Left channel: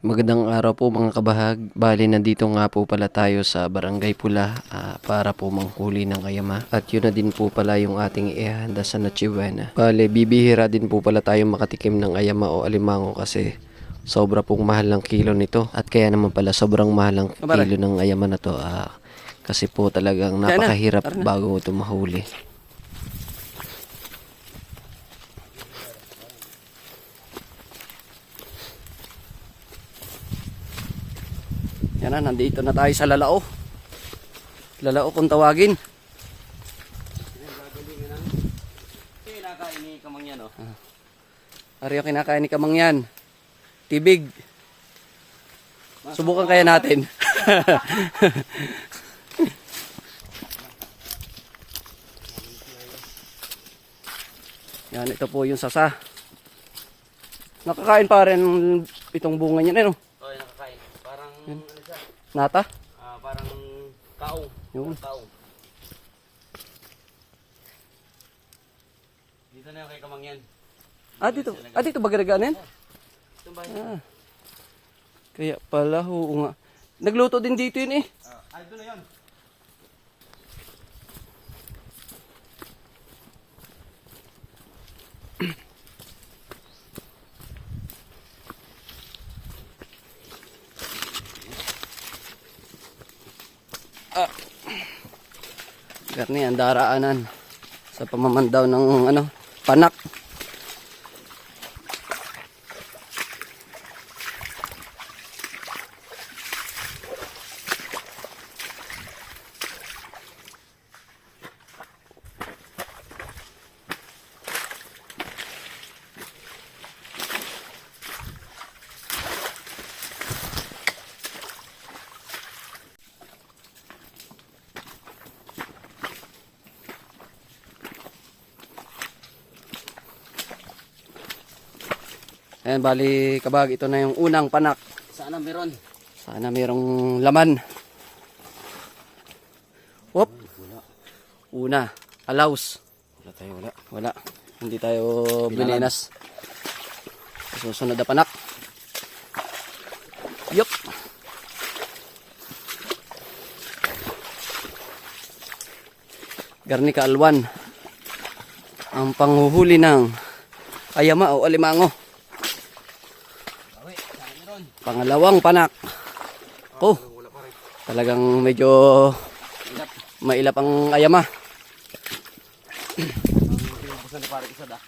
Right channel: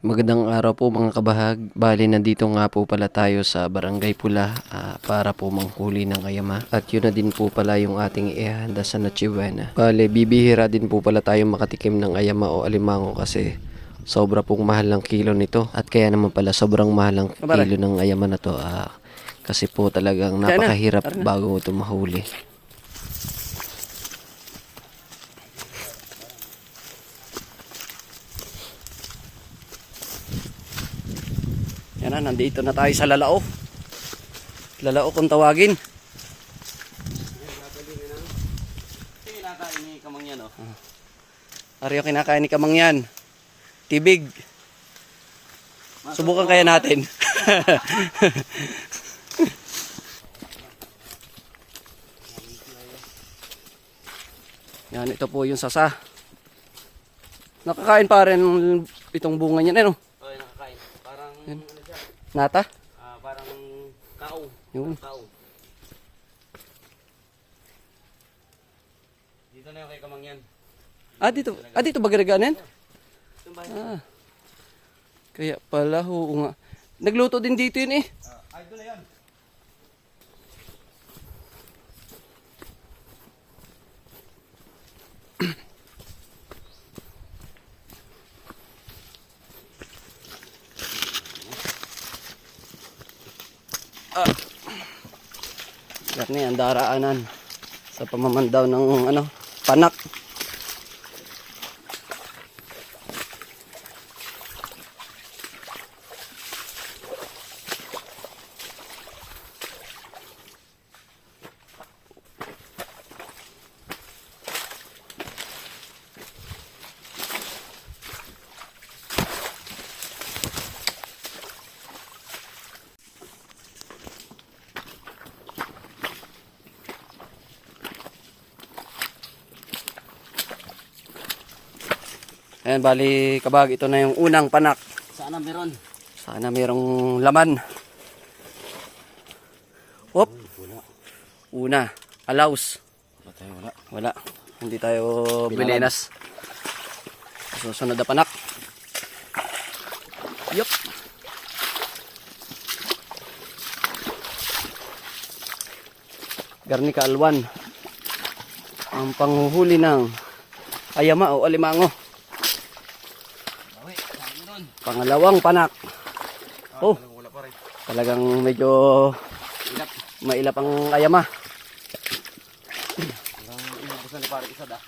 Magandang araw po mga kabahag. Bali, nandito nga po pala tayo sa Barangay Pula ah, para po manghuli ng ayama. At yun na din po pala yung ating ihanda sa Noche Buena. Bali, bibihira din po pala tayo makatikim ng ayama o alimango kasi sobra pong mahal ng kilo nito. At kaya naman pala sobrang mahal ng kilo ng ayama na to. ah, kasi po talagang napakahirap bago ito mahuli. Yan na, nandito na tayo sa Lalao. Lalao kung tawagin. Kinakain ni Kamangyan, oh. Ari yung kinakain ni Kamangyan. Tibig. Subukan kaya natin. Yan, ito po yung sasa. Nakakain pa rin itong bunga niya, ano? Oo, nakakain. Parang, ano siya, Nata? ah, parang kao. Yun. Tao. Dito na yung kay Kamangyan. Ah, dito. Ah, dito ba? Itong bahay. Ah. Kaya pala, oo nga. Nagluto din dito yun eh. Ah, ay, doon na yun. Yan ang daraanan sa pamamandaw ng ano, panak. Ayan, bali kabag, ito na yung unang panak. Sana meron. Sana mayroong laman. Hop. Una, allows. Wala tayo, wala. Wala. Hindi tayo binenas. Susunod na panak. Yup. Garnica alwan. Ang panghuhuli ng ayama o alimango. Pangalawang panak. Oh, Talagang medyo Ilap. mailap ang ayama. Da.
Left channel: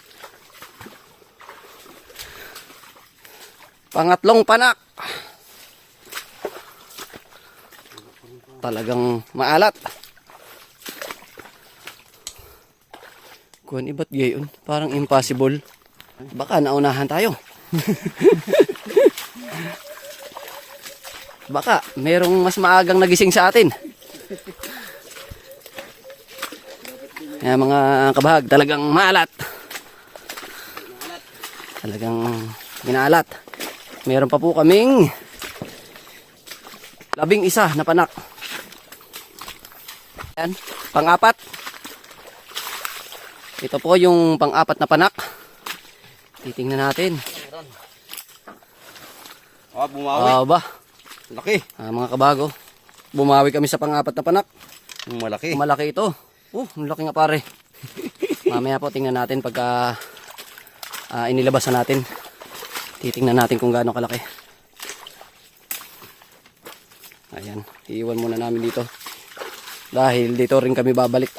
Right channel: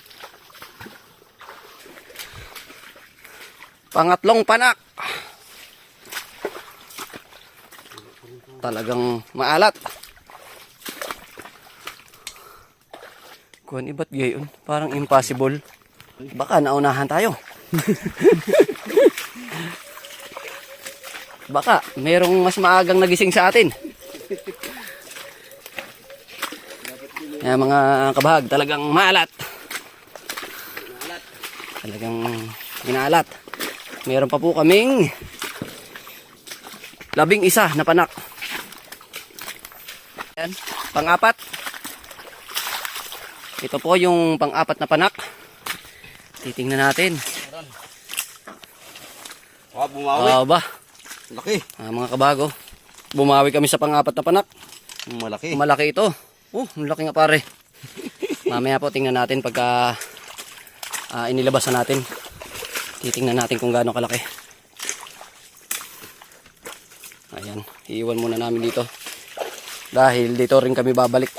Pangatlong panak. Talagang maalat. Kuhan iba't gayon. Parang impossible. Baka naunahan tayo. Baka merong mas maagang nagising sa atin. Yan mga kabahag, talagang maalat. Talagang ginaalat. Meron pa po kaming labing isa na panak. Yan, pang-apat. Ito po yung pang-apat na panak. Titingnan natin. Ah, bumawi. Ah ba, Laki. ah, mga kabago. Bumawi kami sa pang-apat na panak. Malaki. Malaki ito. Oh, ang laki nga pare. Mamaya po tingnan natin pagka ah, inilabas na natin. Titingnan natin kung gaano kalaki. Ayan, iiwan muna namin dito. Dahil dito rin kami babalik.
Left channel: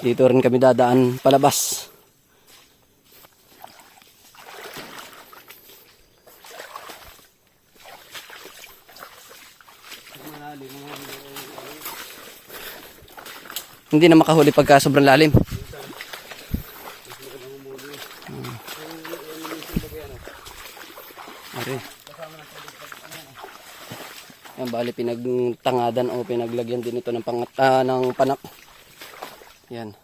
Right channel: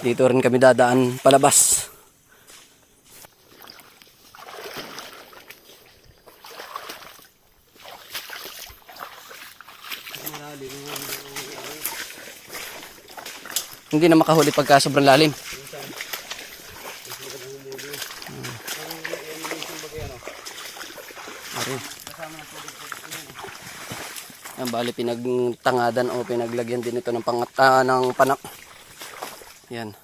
Dito rin kami dadaan palabas. Hindi na makahuli pagka sobrang lalim. Okay. Yan, bali pinagtangadan o pinaglagyan din ito ng pangat ah, ng panak. Yan.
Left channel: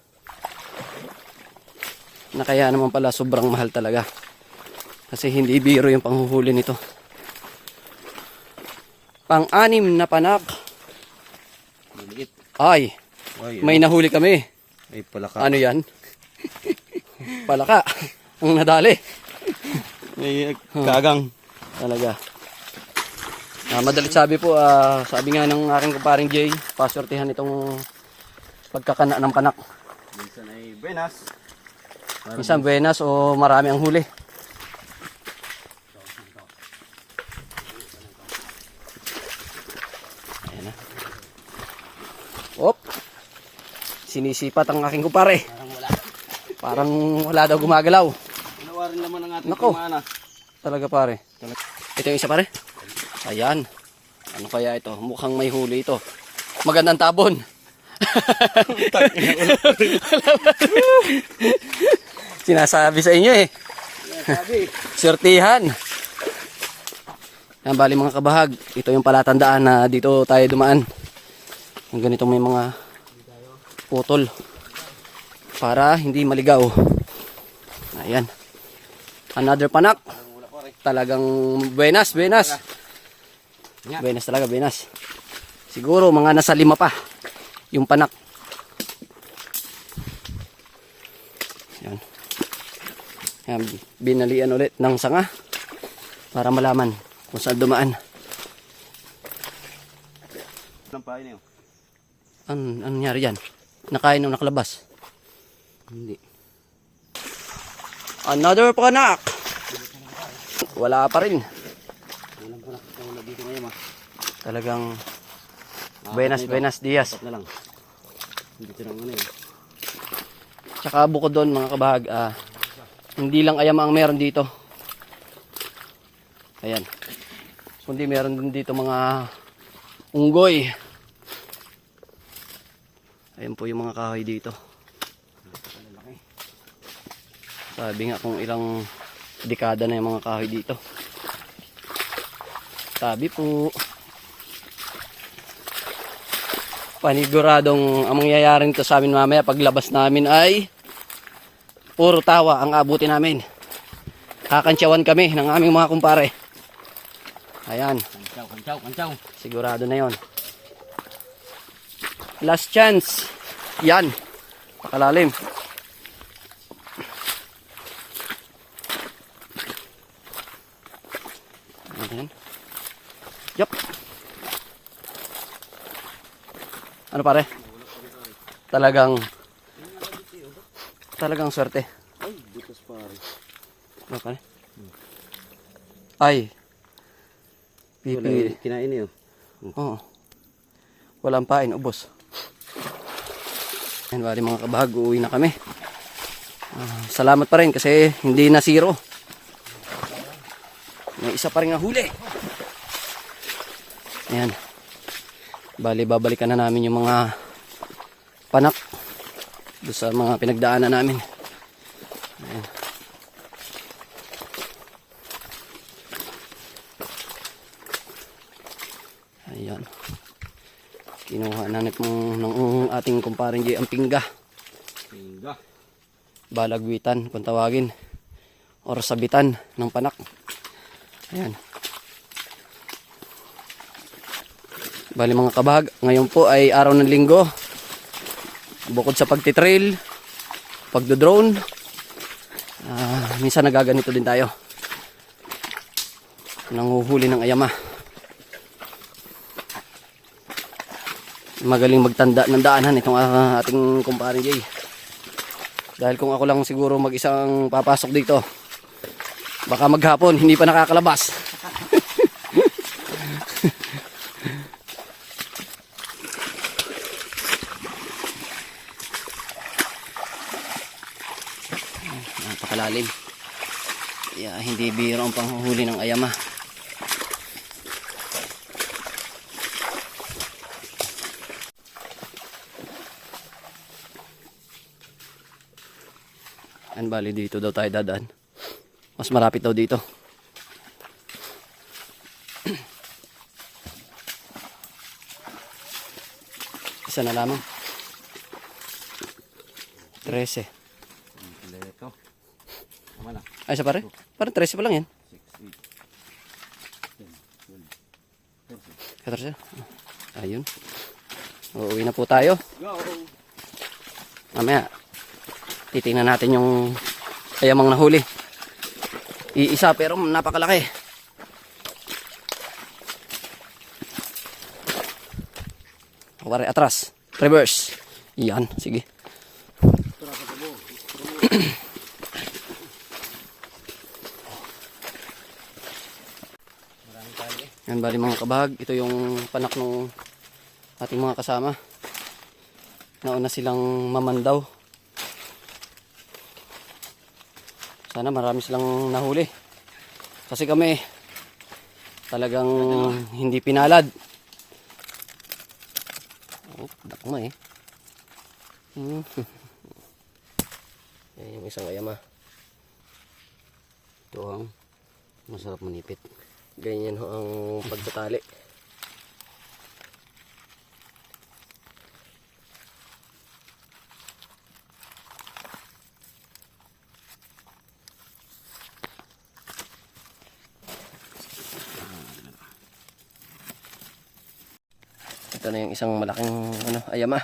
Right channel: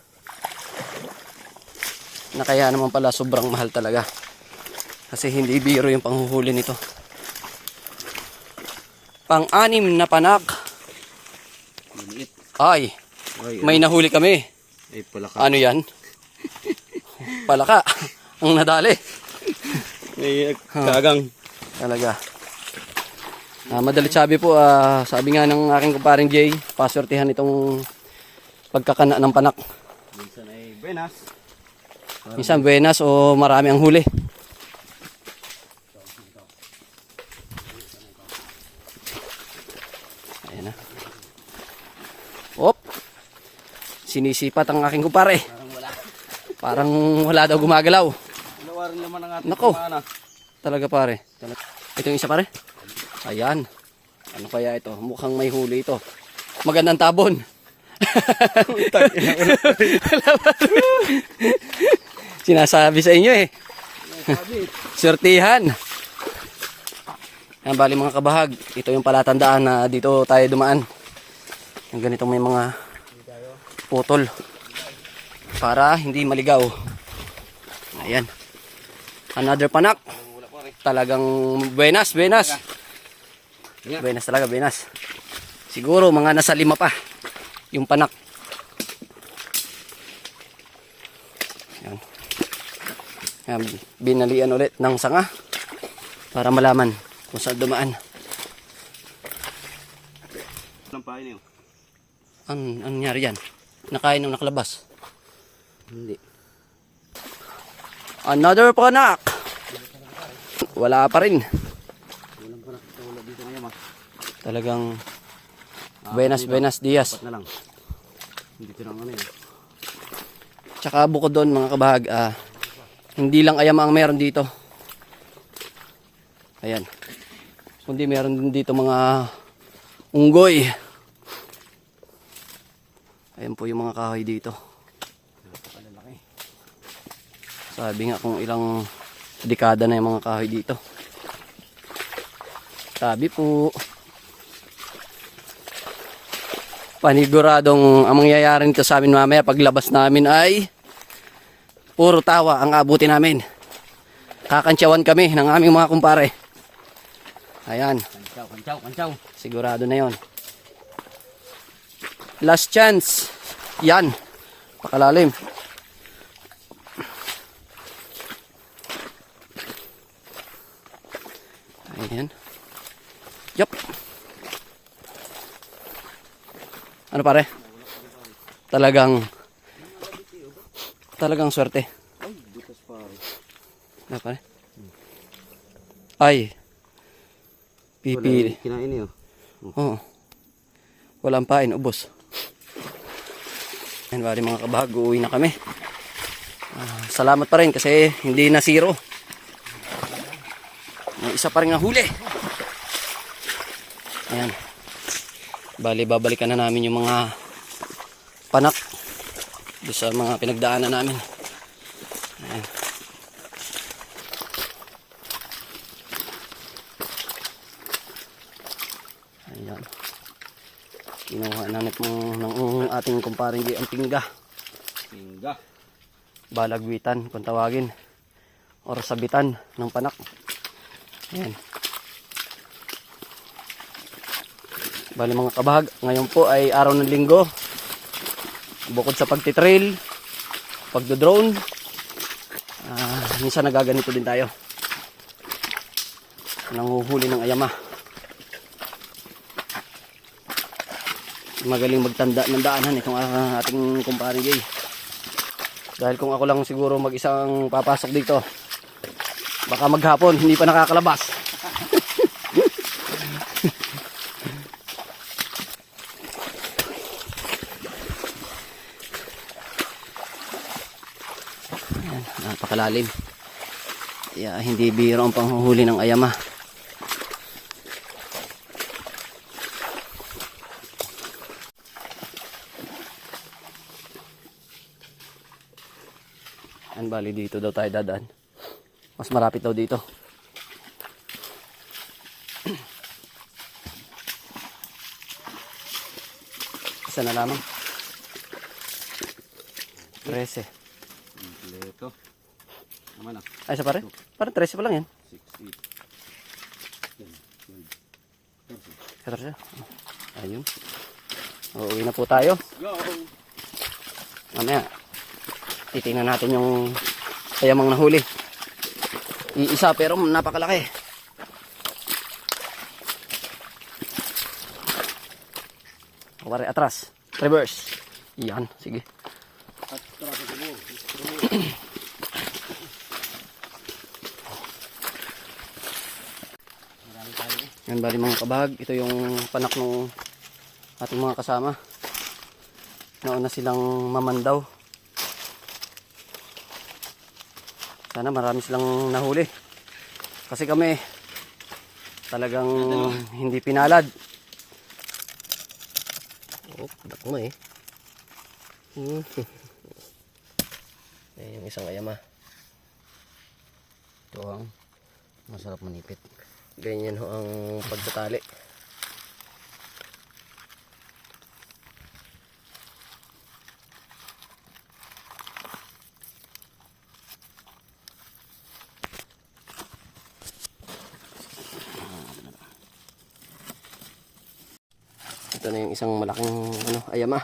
Na kaya naman pala sobrang mahal talaga. Kasi hindi biro yung panghuhuli nito. Pang-anim na panak. Ay, Ay, may nahuli kami. ay pala ka. Ano yan? Palaka. Ang nadali. May kagang. Talaga. Ah, madalit sabi po, ah, sabi nga ng aking kumparing Jay, pasortihan itong pagkakana ng panak. Minsan ay buenas. Minsan buenas o marami ang huli. Ayan na. Op! Sinisipat ang aking kumpare. Parang wala. Parang wala daw gumagalaw. Nawarin naman ang ating Nako. kumana. Talaga pare. Ito yung isa pare. Ayan. Ano kaya ito? Mukhang may huli ito. Magandang tabon. Sinasabi sa inyo eh. Sabi. Swertihan. Ang bali mga kabahag. Ito yung palatandaan na dito tayo dumaan. Yung ganito may mga putol. Para hindi maligaw. Ayan. Another panak. Talagang buenas, buenas. Buenas talaga, buenas. Siguro mga nasa lima pa. Yung panak. Ayan. Ayan, binalian ulit ng sanga para malaman kung saan dumaan. Anong pahay niyo? An ano nangyari yan? Nakain nung nakalabas. Hindi. Another panak! Wala pa rin. Ma. Talagang buenas, buenas dias. Ano eh. Tsaka bukod doon mga kabahag, ah, hindi lang ayam ang meron dito. Ayan. Kundi meron din dito mga unggoy. Ayan po yung mga kahoy dito. Sabi nga kung ilang dekada na yung mga kahoy dito. Sabi po. Paniguradong ang mangyayari nito sa amin mamaya paglabas namin ay puro tawa ang abuti namin. Kakantsawan kami ng aming mga kumpare. Ayan, Kantsaw, kantsaw, kantsaw. sigurado na yon. Last chance. Yan. Pakalalim. Ayan. Yup. Ano pare? Talagang talagang swerte. Ay, butas pare. Ano pare? Ay. Yung kinain niyo. Oo. Walang pain, ubos. Ayan, bali mga kabahag, uuwi na kami. Ah, salamat pa rin kasi hindi na zero. May isa pa rin huli. Ayan. Bali, babalikan na namin yung mga panak doon sa mga pinagdaanan namin. Ayan. Ayan. Kinuha na po ng ating kumparing J. ang pingga. Pinga. Balagwitan kung tawagin. Or sabitan ng panak. Ayan. Bali mga kabahag, ngayon po ay araw ng linggo. Bukod sa pagtitrail, pagdodrone, ah, minsan nagaganito din tayo. Nanguhuli ng ayama. Magaling magtanda ng daanan itong ah, ating kumpare Jay. Dahil kung ako lang siguro mag-isang papasok dito, baka maghapon hindi pa nakakalabas. Napakalalim. Kaya hindi biro ang panghuhuli ng ayama. Bali dito daw tayo dadaan. Mas malapit daw dito. Isa na lamang. 13. Kompleto. Tama lang. Ay, isa pare? Parang 13 pa lang yan. 14. Ayun. Uuwi na po tayo. Go! Mamaya, titingnan natin yung ayamang nahuli. Iisa pero napakalaki. Pare, atras. Reverse. Yan, sige. Yan bali mga kabahag, ito yung panak ng ating mga kasama. Nauna silang mamandaw. Sana marami silang nahuli. Kasi kami talagang hindi pinalad. Oh, dakma eh. Hmm. eh, yung isang ayama. Ito ang masarap manipit. Ganyan ho ang pagtatali. Ito na yung isang malaking ano, ayama.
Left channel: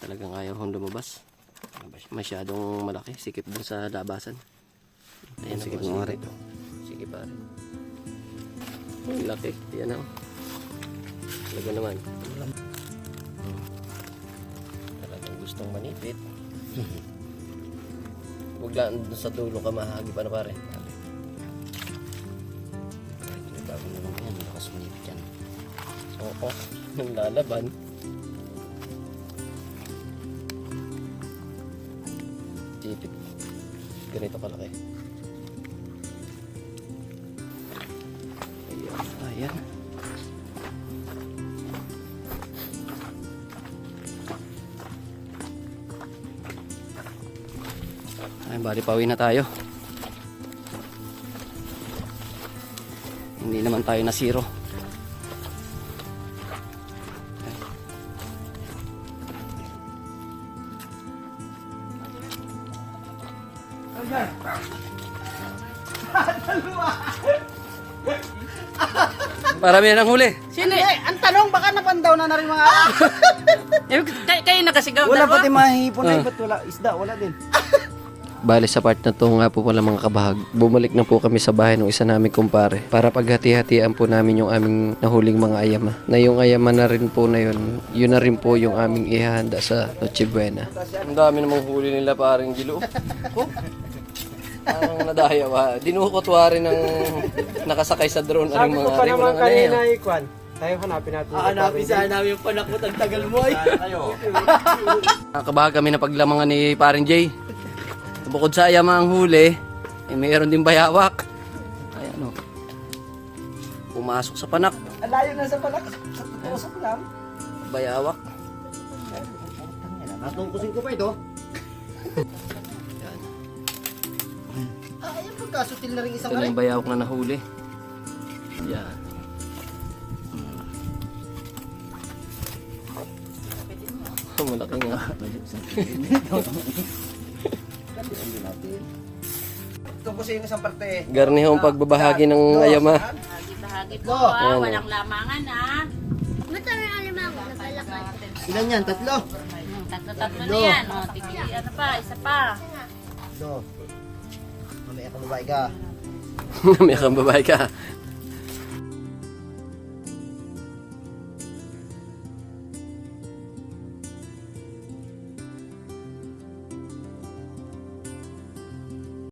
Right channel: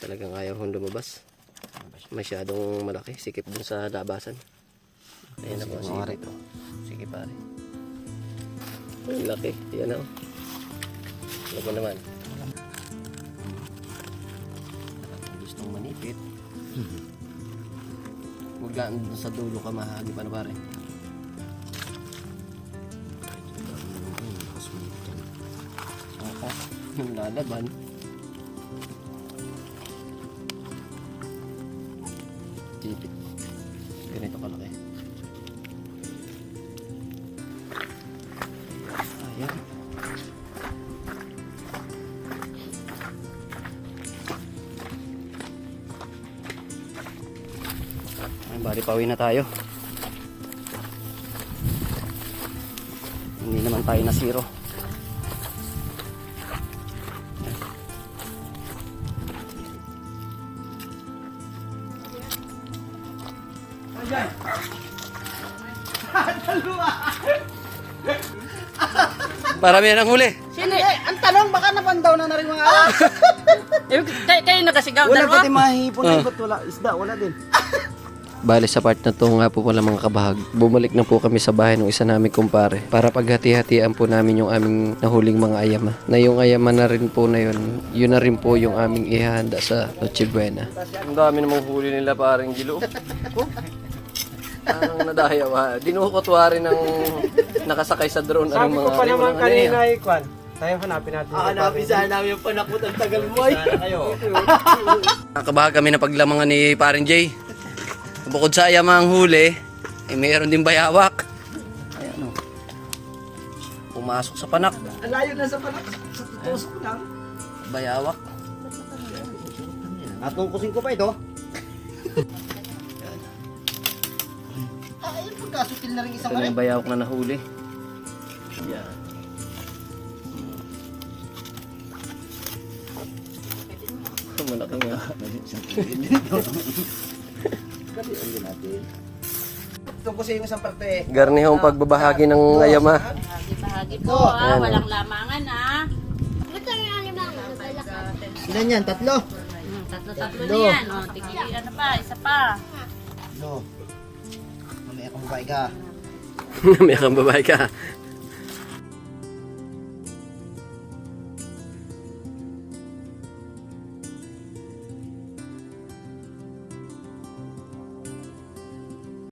Talagang ayaw hong lumabas. Masyadong malaki. Sikip dun sa labasan. Ayan na po. Sige, ito. Sige pare. Ang laki. Yan na. oh. Talaga naman. Talagang gustong manipit. Huwag lang sa dulo ka mahagi pa na pare. Oo. Yung lalaban. Tipit. Ganito kalaki. Ayan. Ayan, bali pauwi na tayo. Hindi naman tayo na zero. Marami na ng huli. Sino? Ang tanong, baka nabandaw na na rin mga araw. Yung, kayo, kayo nagasigaw Wala dalawa? pati mahihipon Ah. na ba't wala isda? Wala din. Bale sa part na to nga po pala mga kabahag, bumalik na po kami sa bahay ng isa namin kumpare para paghati-hatian po namin yung aming nahuling mga ayama. Na yung ayama na rin po na yun, yun na rin po yung aming ihanda sa Noche Buena. Ang dami namang huli nila parang gilo. Oh. Parang nadaya ba? Dinukotwa rin ng nakasakay sa drone. Sabi ko pa naman kanina, Ikwan. Tayo hanapin natin. Ah, hanapin sana namin yung panakot ang tagal mo ay. Nakakabaha kami na paglamangan ni Paring Jay. Bukod sa ayama ang huli, eh, mayroon din bayawak. Ayan o. Pumasok sa panak. Ang layo na sa palak. Sa tusok lang. Bayawak. Natungkusin ko pa ito. Ah, ayun po, kasutil na rin isang Ito na yung bayawak na nahuli. Yan. Malaki nga. Tungkusin sa parte. Garnihong pagbabahagi ng ayama. Bahagi-bahagi po ah, walang lamangan ah. Ilan yan? Tatlo? Hmm, Tatlo-tatlo na yan. O, tigil, ano pa, isa pa. No. Mamaya kung babae ka. May kang babae ka.